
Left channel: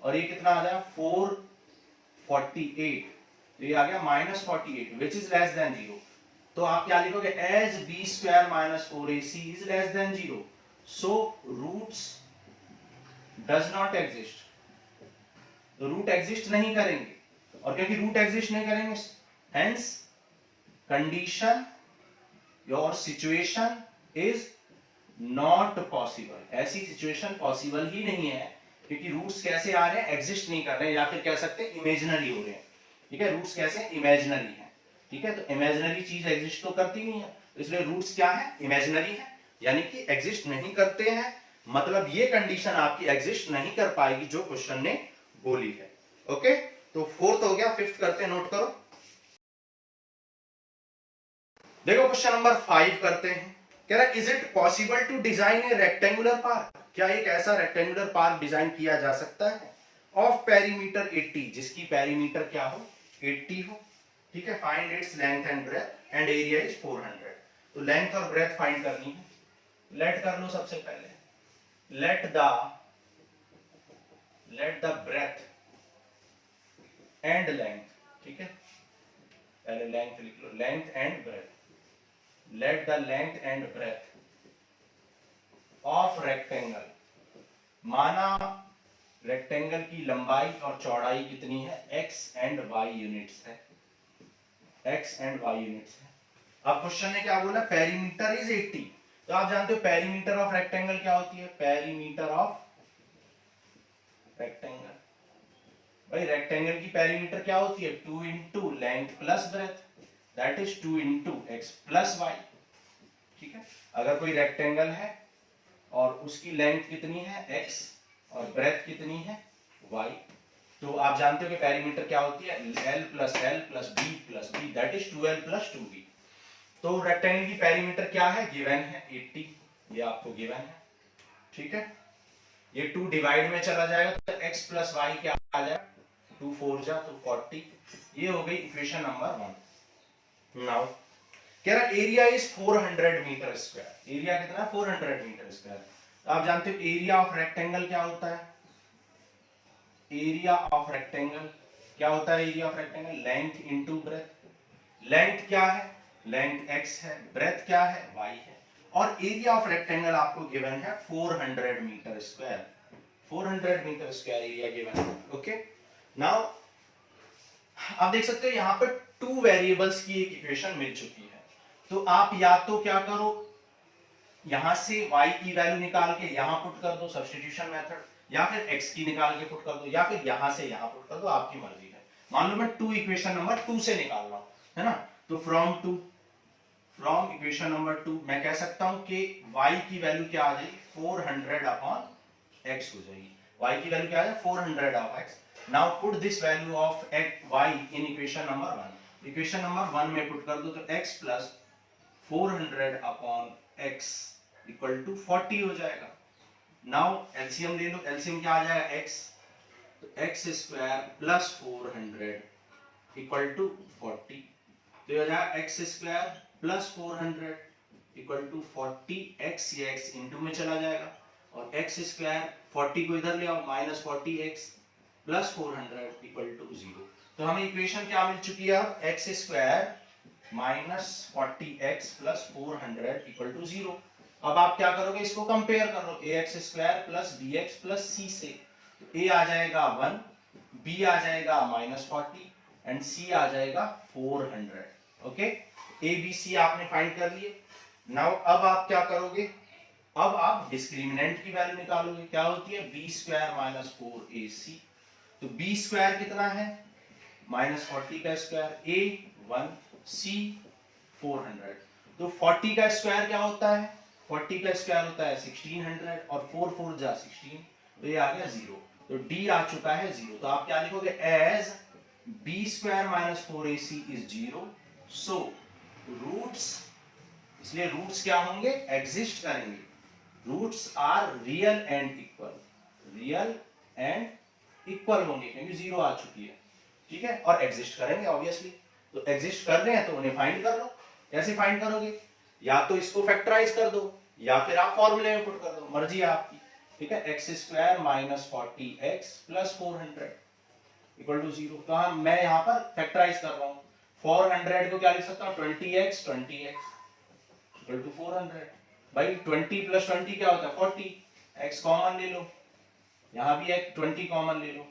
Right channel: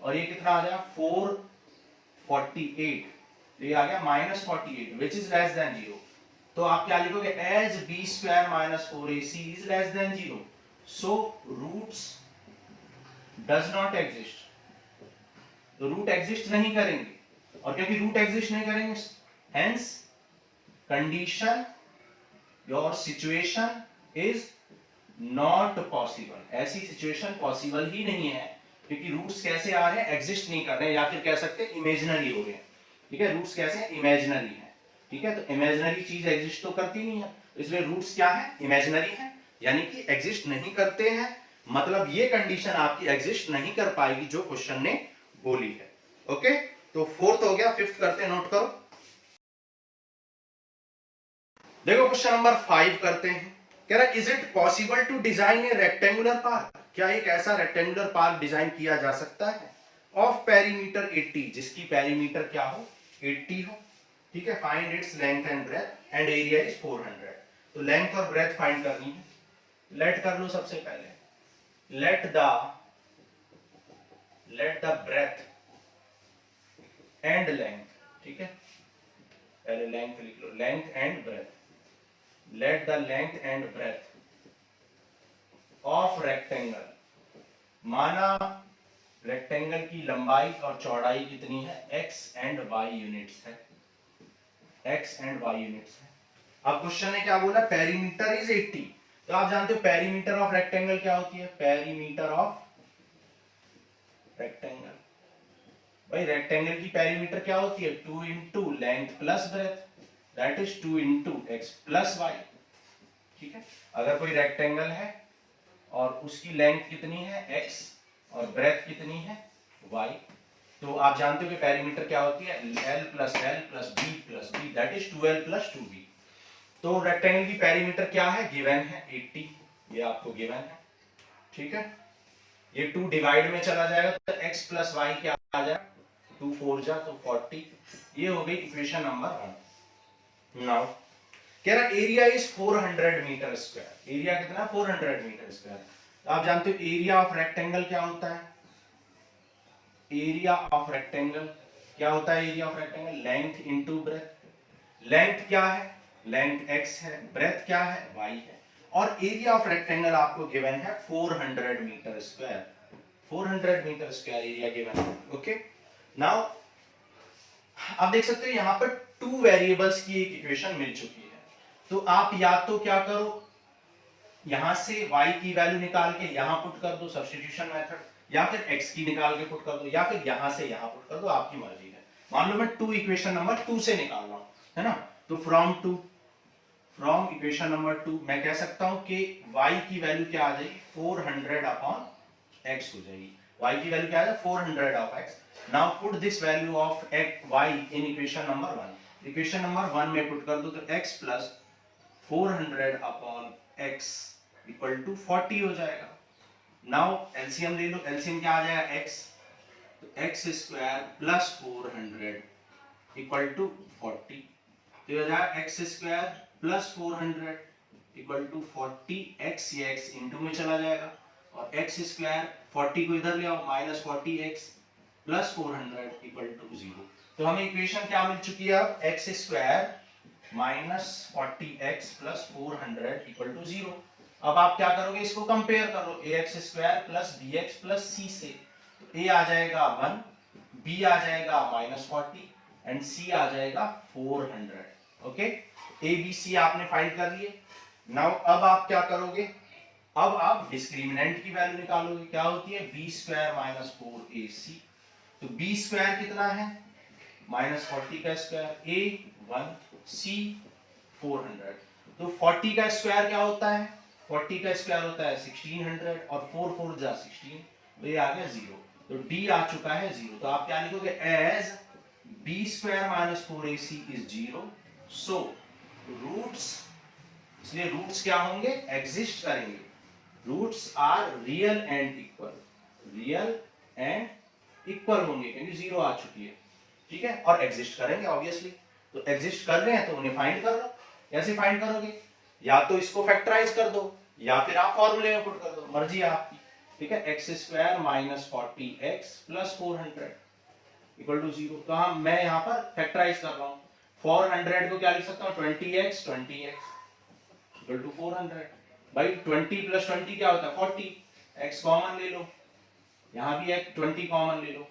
और ये कितना आ जाएगा 448, तो ये आ गया minus 48 which is less than 0, तो आप क्या लिखोगे, as b square minus 4ac is less than 0, so roots does not exist, तो रूट एग्जिस्ट नहीं करेंगे, और क्योंकि रूट एग्जिस्ट नहीं करेंगे hence condition your situation is not possible, ऐसी सिचुएशन पॉसिबल ही नहीं है, क्योंकि रूट्स कैसे आ रहे हैं, एग्जिस्ट नहीं कर रहे हैं, या फिर कह सकते हैं इमेजिनरी हो रहे हैं। ठीक है, रूट्स कैसे इमेजिनरी है। ठीक है, तो इमेजिनरी चीज एग्जिस्ट तो करती नहीं है, तो इसलिए रूट्स क्या है, इमेजिनरी है, यानी कि एग्जिस्ट नहीं करते हैं। मतलब ये कंडीशन आपकी एग्जिस्ट नहीं कर पाएगी जो क्वेश्चन ने बोली है। ओके, तो फोर्थ हो गया, फिफ्थ करते हैं, नोट करो। देखो क्वेश्चन नंबर 5 करते हैं। कह रहा is it possible to design a rectangular park, क्या एक ऐसा रेक्टेंगुलर पार्क डिजाइन किया जा सकता है ऑफ पेरीमीटर 80, जिसकी पेरीमीटर क्या हो, 80 हो। ठीक है, find its length and breadth and area is 400। तो लेंथ और ब्रेथ फाइंड करनी है। लेट कर लो सबसे पहले, let the breadth and length. ठीक है, पहले लेंथ लिख लो, length and breadth. Let the length and breadth of rectangle, माना रेक्टेंगल की लंबाई और चौड़ाई कितनी है, x एंड y यूनिट्स है, x एंड y यूनिट्स है। अब क्वेश्चन ने क्या बोला, पेरीमीटर इज 80। तो आप जानते हो पेरीमीटर ऑफ रेक्टेंगल क्या होती है, पेरीमीटर ऑफ रेक्टेंगल, भाई रेक्टेंगल की पेरीमीटर क्या होती है, 2 into length plus breadth, that is 2 into x plus y. ठीक है, अगर कोई रेक्टेंगल है और उसकी लेंथ कितनी है x और ब्रेथ कितनी है y, तो आप जानते हो कि पेरीमीटर क्या होती है, l plus b that is 2l plus 2b। तो रेक्टेंगल की पेरीमीटर क्या है, गिवन है 80, ये आपको गिवन है। ठीक है, ये 2 डिवाइड में चला जाएगा तो x प्लस वाई क्या आ जाएगा, 2 4 जा तो 40। ये हो गई इक्वेशन नंबर 1। नाउ कह रहा area is 400 metre square, area कितना, 400 मीटर स्क्वायर। तो आप जानते हो एरिया ऑफ रेक्टेंगल क्या होता है, एरिया ऑफ रेक्टेंगल क्या होता है, area of rectangle length into breath. Length क्या है, लेंथ x है, ब्रेथ क्या है, y है, और एरिया ऑफ रेक्टेंगल आपको गिवन है 400 metre square, 400 metre square area given है। ओके, नाउ आप देख सकते हो यहां पर 2 वेरिएबल्स की एक इक्वेशन मिल चुकी है। तो आप या तो क्या करो, यहां से y की वैल्यू निकाल के यहां पुट कर दो, सब्स्टिट्यूशन मेथड, या फिर x की निकाल के पुट कर दो, या फिर यहां से यहां पुट कर दो, आपकी मर्जी है। मान लो मैं 2 इक्वेशन नंबर 2 से निकाल रहा हूं, है ना, तो फ्रॉम इक्वेशन नंबर 2 मैं कह सकता हूं कि y की वैल्यू क्या आ जाएगी, 400 अपॉन x हो जाएगी। y की वैल्यू क्या आ जाएगी, 400 of x। Now put this value of y in equation number 1। Equation number 1 में पुट कर दो तो x plus 400 upon x equal to 40 हो जाएगा। नाउ एलसीएम ले लो, एलसीएम क्या आ जाएगा, x, तो x square plus 400 equal to 40, तो ये हो जाएगा x square plus 400 equal to 40, x ये x इंटू में चला जाएगा, और x स्क्वायर 40 को इधर ले आओ, minus 40x plus 400 equal to 0। तो हमें इक्वेशन क्या मिल चुकी है, अब x square minus 40x plus 400 equal to 0। अब आप क्या करोगे, इसको कंपेयर करो, ax square plus bx plus c से, तो a आ जाएगा 1, b आ जाएगा माइनस 40 एंड c आ जाएगा 400। ओके, a b c आपने फाइंड कर लिए। नाउ अब आप क्या करोगे, अब आप डिस्क्रिमिनेंट की वैल्यू निकालोगे, क्या होती है, b स्क्वायर माइनस 4ac। तो b स्क्वायर कितना है, माइनस 40 का स्क्वायर, a 1 c 400। तो 40 का स्क्वायर क्या होता है, 40 का स्क्वायर होता है 1600 और 4 4 जा 16, तो ये आ गया 0। तो d आ चुका है 0। तो आप क्या लिखोगे, as b square minus 4ac is 0, so roots, इसलिए रूट्स क्या होंगे, एग्जिस्ट करेंगे, roots are real and equal, real and equal होंगे, क्योंकि 0 आ चुकी है। ठीक है, और एग्जिस्ट करेंगे ऑब्वियसली, तो एग्जिस्ट कर रहे हैं तो उन्हें फाइंड कर लो। कैसे फाइंड करोगे, या तो इसको फैक्टराइज कर दो, या फिर आप फॉर्मूले में पुट कर दो, मर्जी है आपकी। ठीक है, x square minus 40x plus 400 equal to 0। तो हम, मैं यहाँ पर फैक्टराइज कर रहा हूँ, 400 को क्या लिख सकता हूँ, 20x इक्वल टू 400। भाई 20 प्लस 20 क्या होता है, 40, x कॉमन ले लो, यहाँ भी एक 20 कॉमन ले लो,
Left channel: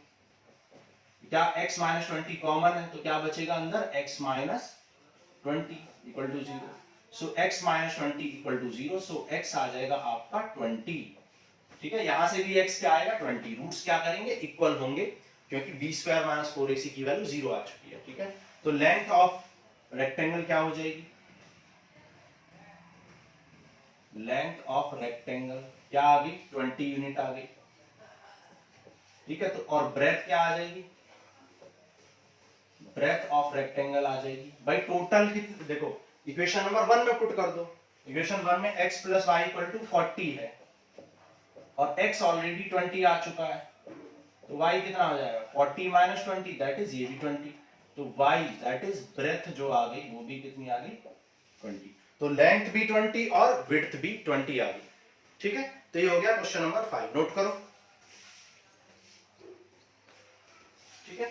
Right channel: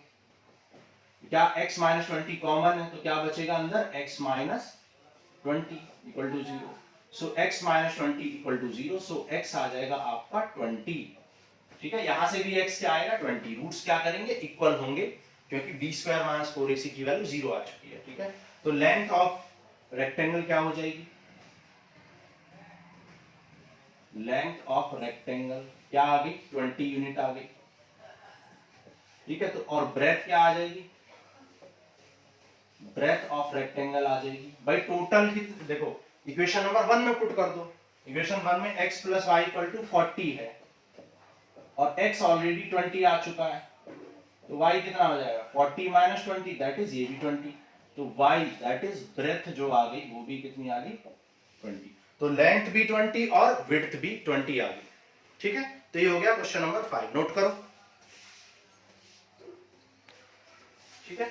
क्या x माइनस 20 कॉमन है, तो क्या बचेगा अंदर, x minus 20 equal to 0। So x minus 20 equal to 0। So x आ जाएगा आपका 20। ठीक है, यहां से भी x क्या आएगा 20। रूट्स क्या करेंगे इक्वल होंगे क्योंकि b स्क्वायर माइनस 4ac की वैल्यू 0 आ चुकी है। ठीक है, तो लेंथ ऑफ रेक्टेंगल क्या हो जाएगी, लेंथ ऑफ रेक्टेंगल क्या आ गई 20 यूनिट आ गई। ठीक है, तो और ब्रेथ क्या आ जाएगी, ब्रेथ ऑफ रेक्टेंगल आ जाएगी। भाई टोटल कितनी, देखो इक्वेशन नंबर 1 में पुट कर दो। इक्वेशन 1 में x plus y equal to 40 है और x ऑलरेडी 20 आ चुका है, तो y कितना आ जाएगा 40 माइनस 20, दैट इज ये भी 20। तो y दैट इज ब्रेथ जो आ गई वो भी कितनी आ गई 20। तो लेंथ भी 20 और विड्थ भी 20 आ गई। ठीक है, तो ये हो गया क्वेश्चन नंबर 5, नोट करो। ठीक है,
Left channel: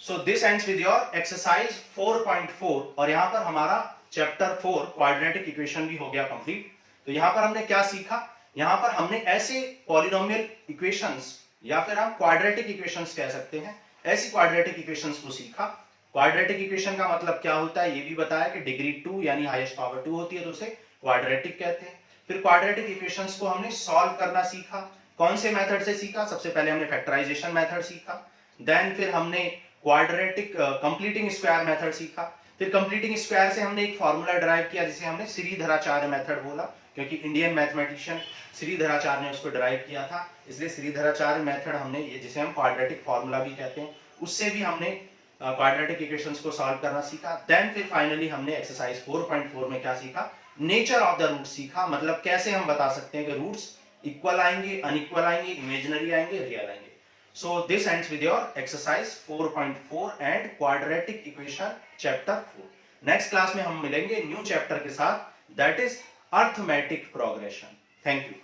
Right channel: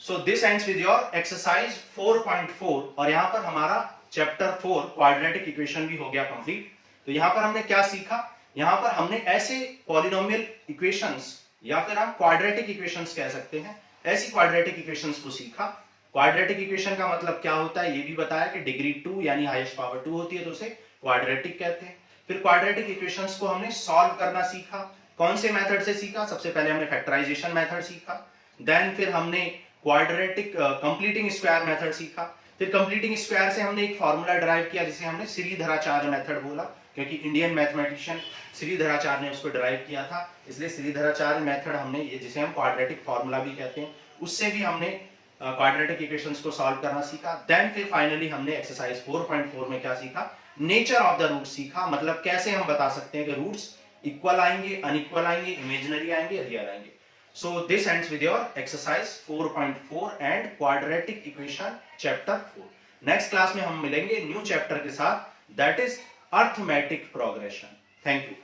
so this ends with your exercise 4.4 और यहां पर हमारा चैप्टर 4 क्वाड्रेटिक इक्वेशन भी हो गया कंप्लीट। तो यहां पर हमने क्या सीखा, यहां पर हमने ऐसे पॉलिनोमियल इक्वेशंस या फिर हम क्वाड्रेटिक इक्वेशंस कह सकते हैं, ऐसी क्वाड्रेटिक इक्वेशंस को सीखा। क्वाड्रेटिक इक्वेशन का मतलब क्या होता है ये भी बताया कि डिग्री 2 यानी हाईएस्ट पावर 2 होती है तो उसे क्वाड्रेटिक कहते हैं। फिर क्वाड्रेटिक इक्वेशंस को हमने सॉल्व करना सीखा। कौन से मेथड से सीखा, सबसे पहले हमने फैक्टराइजेशन मेथड सीखा, देन फिर हमने क्वाड्रेटिक कंप्लीटिंग स्क्वायर मेथड सीखा। फिर कंप्लीटिंग स्क्वायर से हमने एक फॉर्मूला डिराइव किया जिसे हमने श्रीधराचार्य मेथड बोला, क्योंकि इंडियन मैथमेटिशियन श्रीधराचार्य ने उसको डिराइव किया था, इसलिए श्रीधराचार्य मेथड हमने ये जिसे हम क्वाड्रेटिक फॉर्मूला भी कहते हैं, उससे भी हमने क्वाड्रेटिक इक्वेशंस को सॉल्व करना सीखा। देन फिर फाइनली हमने एक्सरसाइज 4.4 में क्या सीखा, नेचर ऑफ द रूट सीखा, मतलब कैसे हम बता सकते हैं कि रूट्स इक्वल आएंगे, अनइक्वल आएंगे, इमेजिनरी आएंगे, रियल आएंगे। So this ends with your exercise 4.4 and quadratic equation chapter 4. Next class में हम मिलेंगे न्यू चैप्टर के साथ, that is arithmetic progression. Thank you.